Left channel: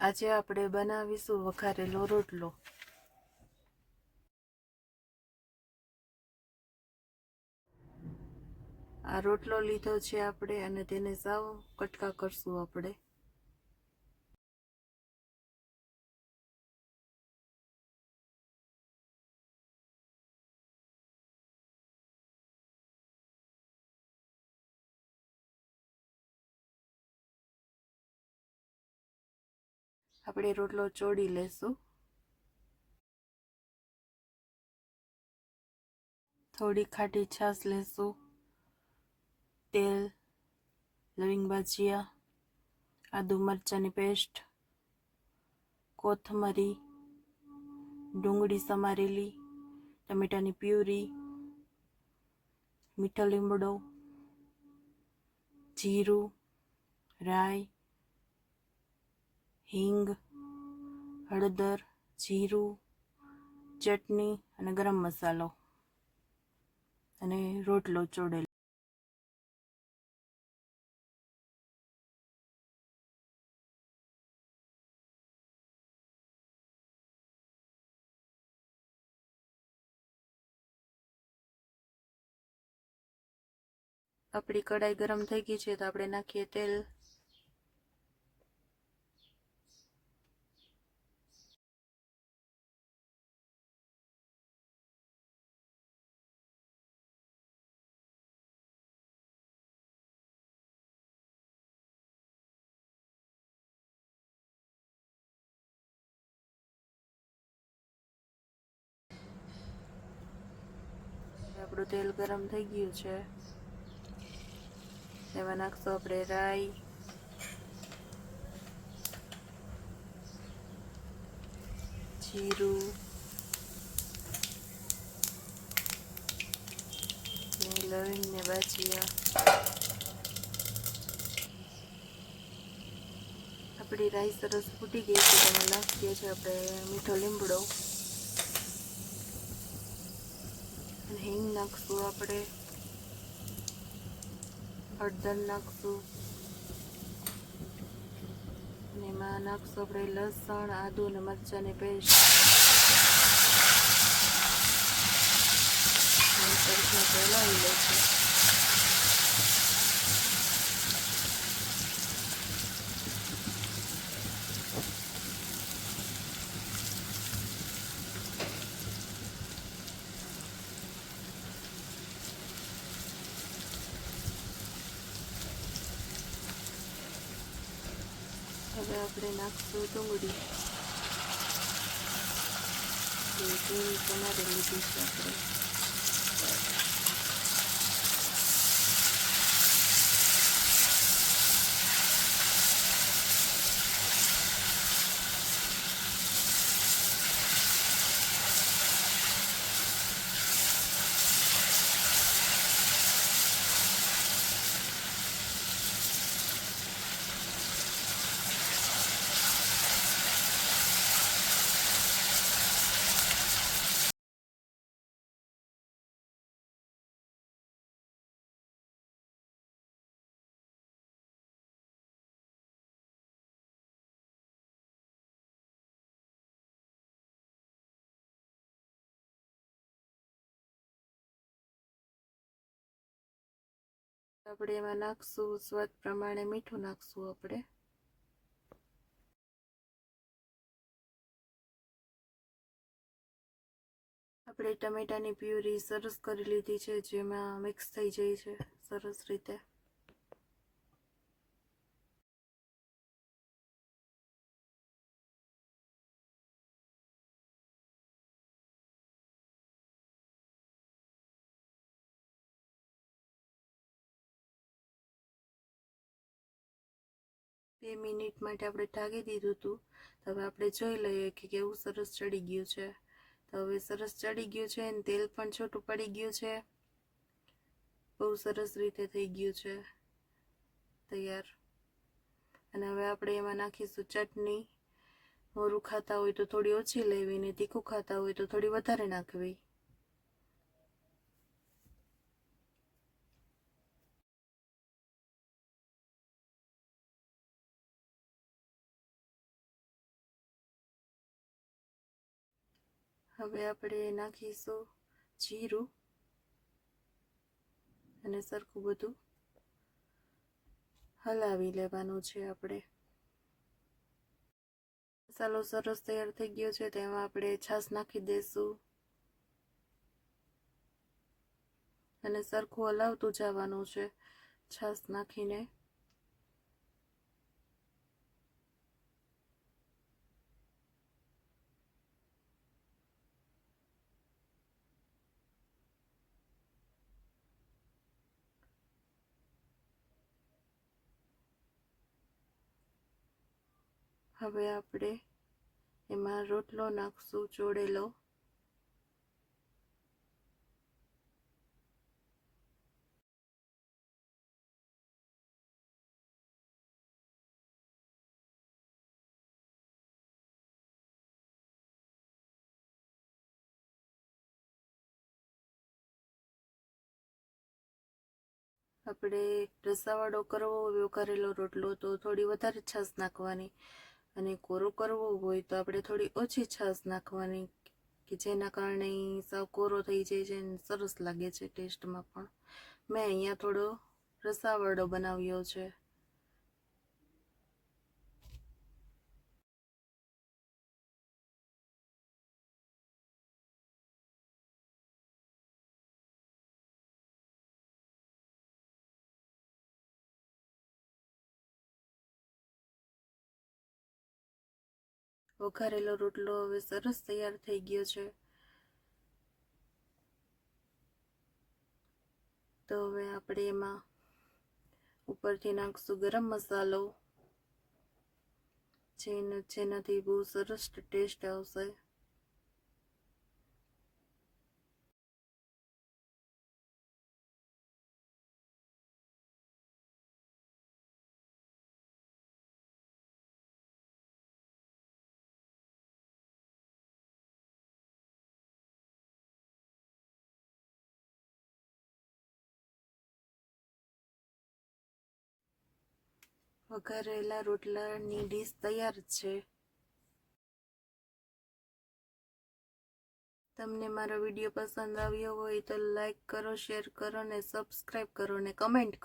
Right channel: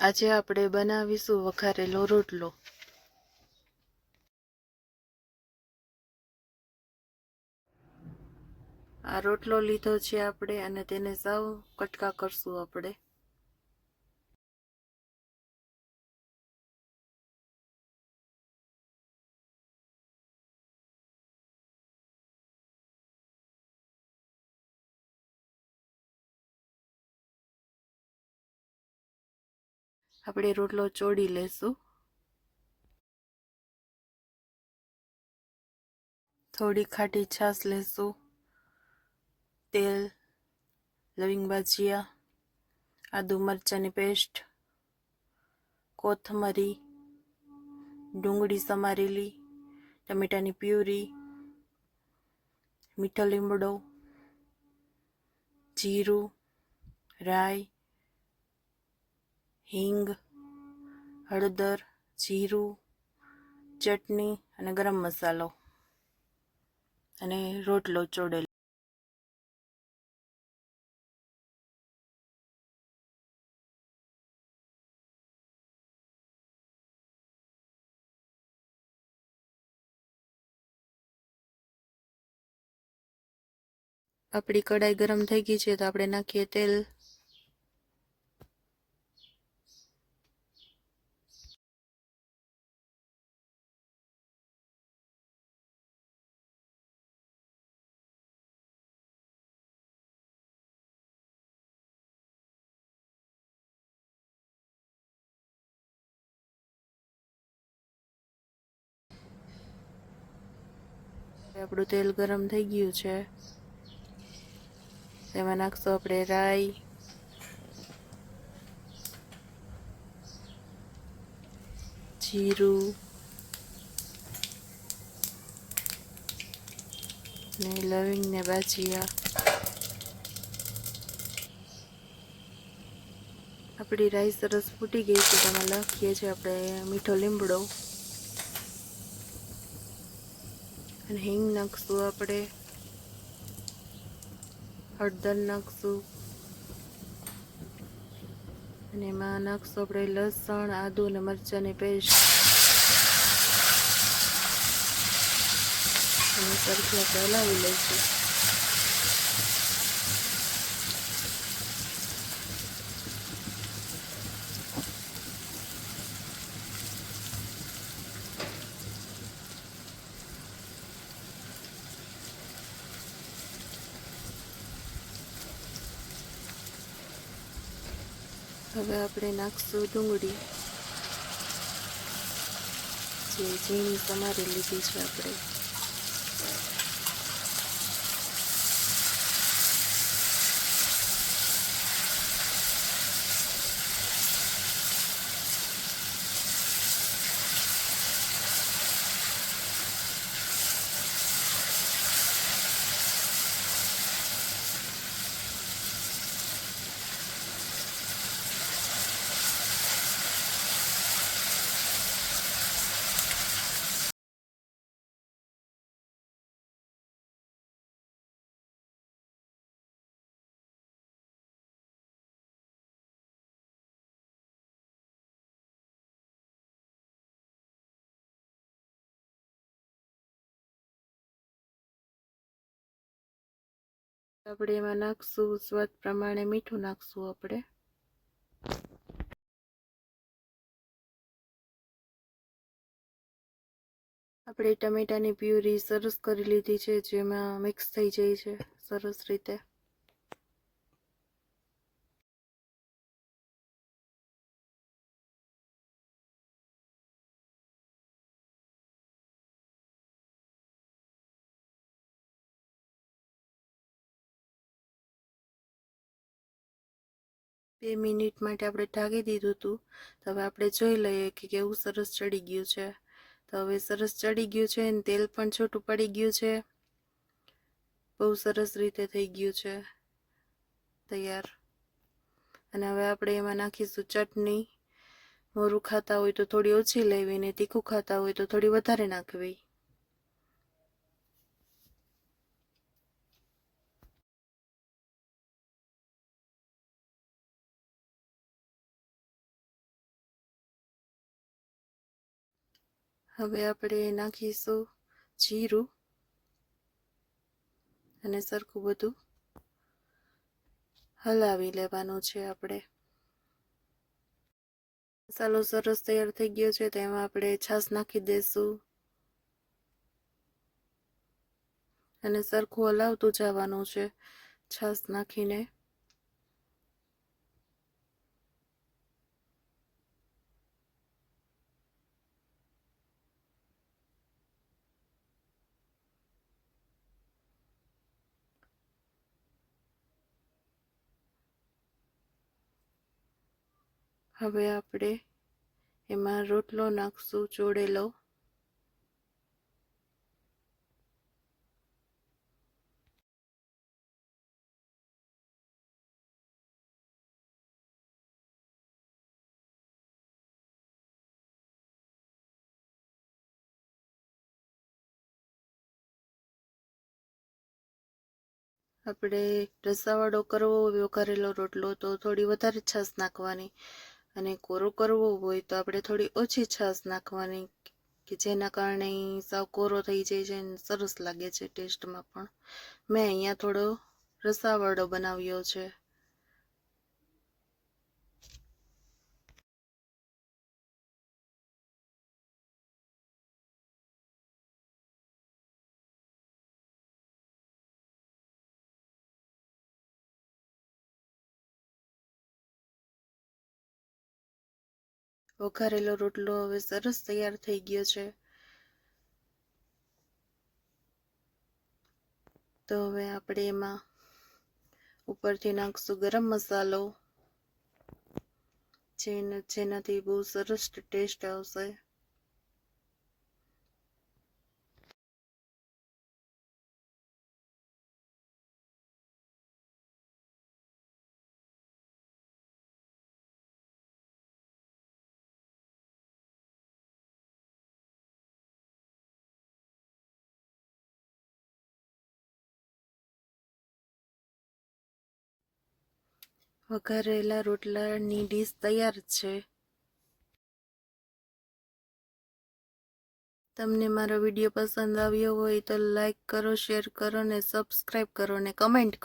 આજે આપણે બનાવીશું વઘારેલો રોટલો। આ રોટલો લીધો છે આપણે અને તેને સાવ કટકા કરશું આપણે। આપણે રોટલો ચોળી લેશું। થોડી ખાટી છાશ લેશું, તેલ, લવિંગ ભાજીયા, આદુ મરચાંની પેસ્ટ, કોથમરી, ડુંગળી સમારેલી, ટમેટાની પ્યુરી, મીઠો લીમડો, જીરું, રાઈ, હિંગ, હળદર, જીરું, ચટણી અને ગરમ મસાલો અને રોટલો ચોળેલો। આપણી કઢાઈ ગરમ થઈ ગઈ છે તો આપણે નાખીએ તેલ। આપણું તેલ ગરમ થઈ ગયું છે, તેમાં નાખશું આપણે રાઈ, જીરું ને લવિંગ ને ભાજીયા। આપણી રાઈ સરસ ફૂટી ગઈ છે, તેમાં નાખીએ છીએ આપણે મીઠો લીમડો અને હિંગ નાખશું આપણે, હળદર નાખશું અને એમાં નાખશું આપણે લસણ, આદુ અને મરચાંની પેસ્ટ અને સરખી આપણે હલાવી લઈશું। હવે આપણે નાખશું ડુંગળી, જે ઝીણી સમારી લીધી છે આપણે। આપણે એમાં નાખશું સ્વાદ પ્રમાણે મીઠું નાખશું આપણે। આપણે ટમેટાની પ્યુરી સરસ કરી લીધી છે, જેમાં મિક્સ થઈ જાય છે સરસ રીતે। બે મિનિટ માટે આપણે ઢાંકી દીધું હતું, તો હવે આપણે જોઈ લઈએ કે કેવું સરસ ચડી ગયું છે। તો હવે સરસ ચડી ગયું છે અને તેલ પણ છૂટું પડી ગયું છે, બહુ સરસ રીતે થઈ ગયું છે તૈયાર। અને હવે આપણે એમાં નાખીશું ચટણી। મોરું ખાતા હોય તો થોડી ઓછી લેવી ને તીખું ખાતા હોય તો થોડી વધારે નાખવી। હવે આપણે નાખીશું જીરું અને સરખું બધું હલાવી લેવાનું છે આપણે. મસાલો સરસ તૈયાર થઈ ગયો છે. તેમાં આપણે છાશ નાખી દઈશું અને સરખું હલાવતું જવાનું છે છાશ નાખીને. હવે આપણે એમાં રોટલો નાખશું ચોળેલો. આપણે રસાવાળો કરવો હોય વઘારેલો રોટલો તો થોડી વધારે છાશ નાખવાની, અને કોરો કરવો હોય તો આપણે થોડી ઓછી છાશ નાખવાની, કે જેના કારણે સાવ કોરો થઈ જાય છે અને સરસ લાગે છે ટેસ્ટમાં પણ. મેં અહીંયા થોડો રસાવાળો બનાવ્યો છે. વઘારેલો રોટલો હવે સરસ તૈયાર થઈ ગયો છે. તો હવે આપણે એમાં ઉપરથી નાખશું ગરમ મસાલો, જેનાથી બહુ સરસ ટેસ્ટ આવશે. વઘારેલા રોટલાની ડીશ તૈયાર છે. તમને મારો વિડીયો પસંદ આવ્યો હોય તો લાઈક કરો, શેર કરો અને સબસ્ક્રાઈબ કરો અને કમેન્ટ કરો.